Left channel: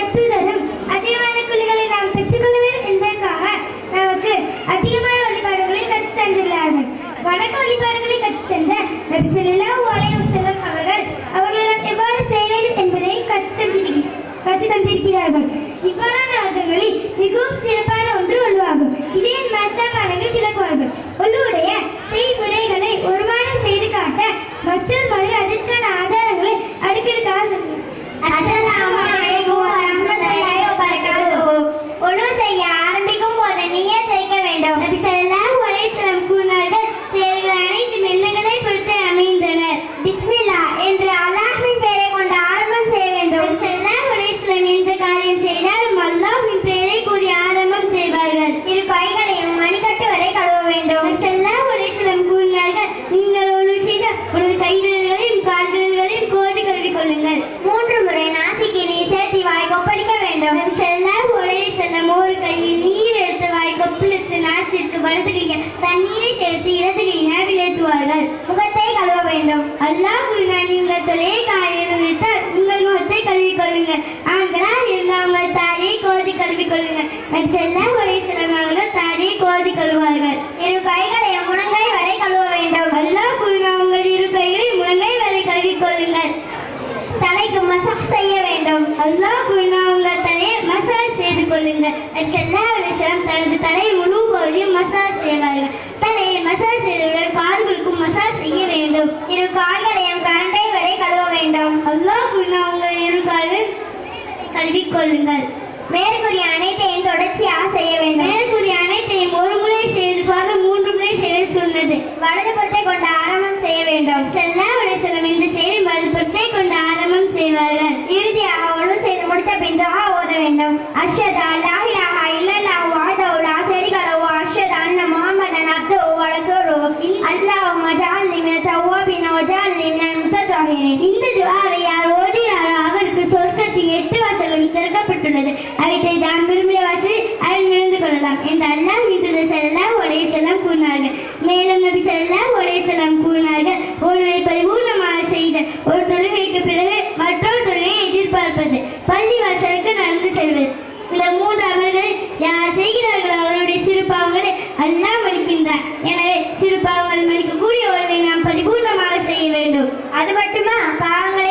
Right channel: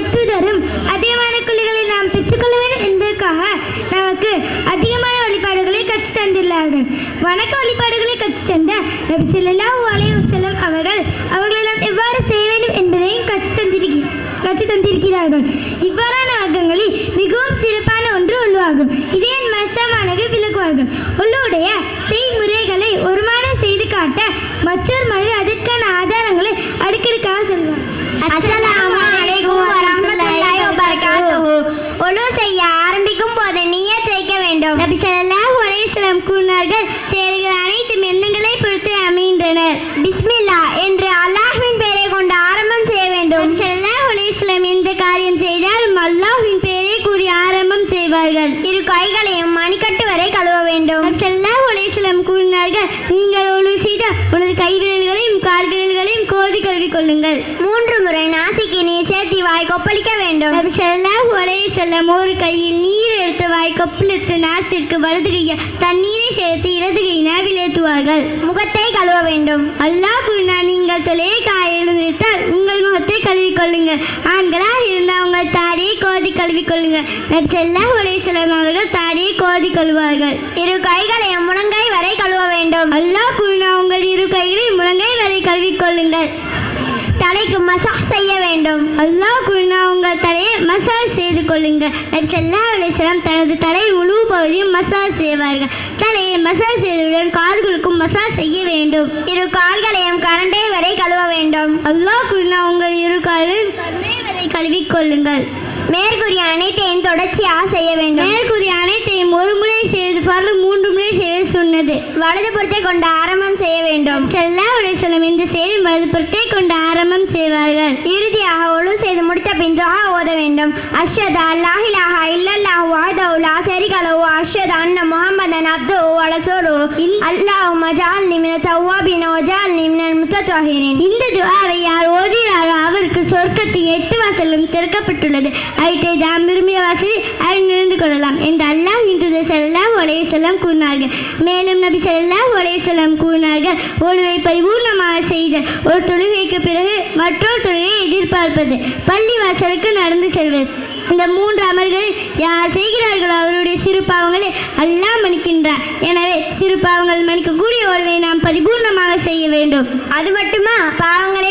நற்தூதரும் அதிகமான கூலிகளை நாம் பெற்றுக்கொள்ள வேண்டும் என்பதற்காக நமக்கு அதிகமான வழிபாடுகளை கற்றுத் தந்துள்ளார்கள். வணக்க வழிபாடுகளை கற்றுத் தந்த நபி ஸல்லல்லாஹு அலைஹி வஸல்லம் அவர்களெல்லாம் எவ்வாறு செய்ய வேண்டும் என்பதையும் கற்றுத் தந்திருக்கிறார்கள். இவ்வாறான வணக்கங்களில் மிகவும் சிறப்பான ஒன்று ஒழுவாகும். இதே மசமானது விளக்குவார்கள். ஒழுவுடைய செய்முறைகளை ஒரு மாதம் செய்து காட்ட மற்றொரு மொழி அதற்கான ஆதாரங்களை அடுக்கடுக்காக சொல்வார். அஸ்ஸலாமு அலைக்கும் வரஹ்மத்துல்லாஹி வபரகாத்துஹு. ஒழு செய்ய ஆரம்பிக்கும் போது நிய்யத் செய்ய வேண்டும். நபி ஸல்லல்லாஹு அலைஹி வஸல்லம் கூறினார்கள், செயல்கள் அனைத்தும் எண்ணங்களை பொறுத்து அமைகின்றன. பிஸ்மில்லாஹ் என்று அல்லாஹ்வின் பெயரை கொண்டு ஆரம்பம் செய்ய வேண்டும். நபி ஸல்லல்லாஹு அலைஹி வஸல்லம் எந்த காரியம் செய்தாலும் அல்லாஹ்வின் பெயரை கூறி ஆரம்பம் செய்வார்கள். இரு கைகளையும் மணிக்கட்டு வரை கழுவ வேண்டும். நபி ஸல்லல்லாஹு அலைஹி வஸல்லம் கூறினார்கள், நீங்கள் ஒழு செய்தால் உனது கைகளையும் கால்களையும் கோதி கழுவிக் கொள்ளுங்கள். 3 முறை நாசிக்கு நீர் சேர்த்து வாய் கொப்பளிக்க வேண்டும். நபி ஸல்லல்லாஹு அலைஹி வஸல்லம் ஒரு கையில் நீர் எடுத்து வாய் கொப்பளித்து நாசிற்கு வலது கையில் தண்ணீரை சேர்த்து இடது கை நாவில் ஏற்றுவார்கள். முகத்தை கழுவ வேண்டும். அல்லாஹ் கூறினார், நீங்கள் தொலையை காயில் நிறுத்தால் உங்கள் முகத்தை கழுவிக் கொள்ளுங்கள். ஆண்களாக இருந்தால் உங்கள் தாடியை கோதி கழுவிக் கொள்ளுங்கள். நபி ஸல்லல்லாஹு அலைஹி வஸல்லம் அவர்கள் தாடியை கோதி கழுவார்கள். இரு கைகளையும் முழங்கை வரை கழுவ வேண்டும். அல்லாஹ் கூறினார், உங்கள் இரு கைகளை முழங்கை வரை கழுவிக் கொள்ளுங்கள். தலைக்கு மசாஜ் செய்ய வேண்டும். அல்லாஹ் கூறினார், உங்கள் தலையை மசாஜ் செய்து கொள்ளுங்கள். நபி ஸல்லல்லாஹு அலைஹி வஸல்லம் தனது தலை முழு பகுதியும் மசாஜ் செய்வார்கள். தலையை மசாஜ் செய்தவுடன் கால்களுக்கும் மசாஜ் செய்ய வேண்டும். இரு கால்களையும் கரண்டை வரை கழுவ வேண்டும். அல்லாஹ் கூறினார், உங்கள் இரு காலையும் கரண்டை வரை கழுவிக் கொள்ளுங்கள். மேற்கூறிய அனைத்தையும் தொடர்ச்சியாக செய்ய வேண்டும். மேற்கூறிய அனைத்தையும் ஒரு முறை செய்வது ஃபர்லு, 3 முறை செய்வது சுன்னது. வலது புறத்தை கொண்டு ஆரம்பம் செய்ய வேண்டும். ஸல்லல்லாஹு அலைஹி வஸல்லம் இந்த செயல் வலது புறத்தை கொண்டு ஆரம்பம் செய்வார்கள். இறுதியாக ஒழு செய்து முடித்த பின் துஆ ஓத வேண்டும். அஷ்ஹது அல்லா இலாஹ இல்லல்லாஹு வஹ்தஹு லா ஷரீக லஹு வ அஷ்ஹது அன்ன முஹம்மதன் அப்துஹு வ ரசூலுஹு. அல்லாஹும்ம ஜஅல்னி மினத் தவ்வாபீன வ ஜஅல்னி மினல் முத்தத்வஹிரீன். இந்த துஆவை யார் ஓதுகிறாரோ அவருக்கு சொர்க்கத்தின் 8 வாசலும் திறக்கப்பட்டுள்ளது. அவற்றை தாம் விரும்பிய வாசலில் அவர் நடந்து கொள்ளலாம் என்று அல்லாஹ்வின் தூதர் ஸல்லல்லாஹு அலைஹி வஸல்லம் கூறினார்கள். மேலும் நபி ஸல்லல்லாஹு அலைஹி வஸல்லம் கூறினார்கள், ஒழுவை பரிபூர்ணமாக செய்த ஒரு தொழுகைக்கு பிறகு மற்றொரு தொழுகையை எதிர்பார்ப்பது, பள்ளி வாசலுக்கு நடந்து செல்வது. இந்த 3 அமல்கள் யார் செய்கிறார்களோ அவருடைய சிறு பாவங்களை அல்லாஹ் மன்னிக்கின்றார். எனவே சிறு பாவங்கள் மன்னிக்கக்கூடிய ஒழுவை நாம் பரிபூர்ணமாக செய்ய வேண்டும். அது மட்டுமா, பாவங்களை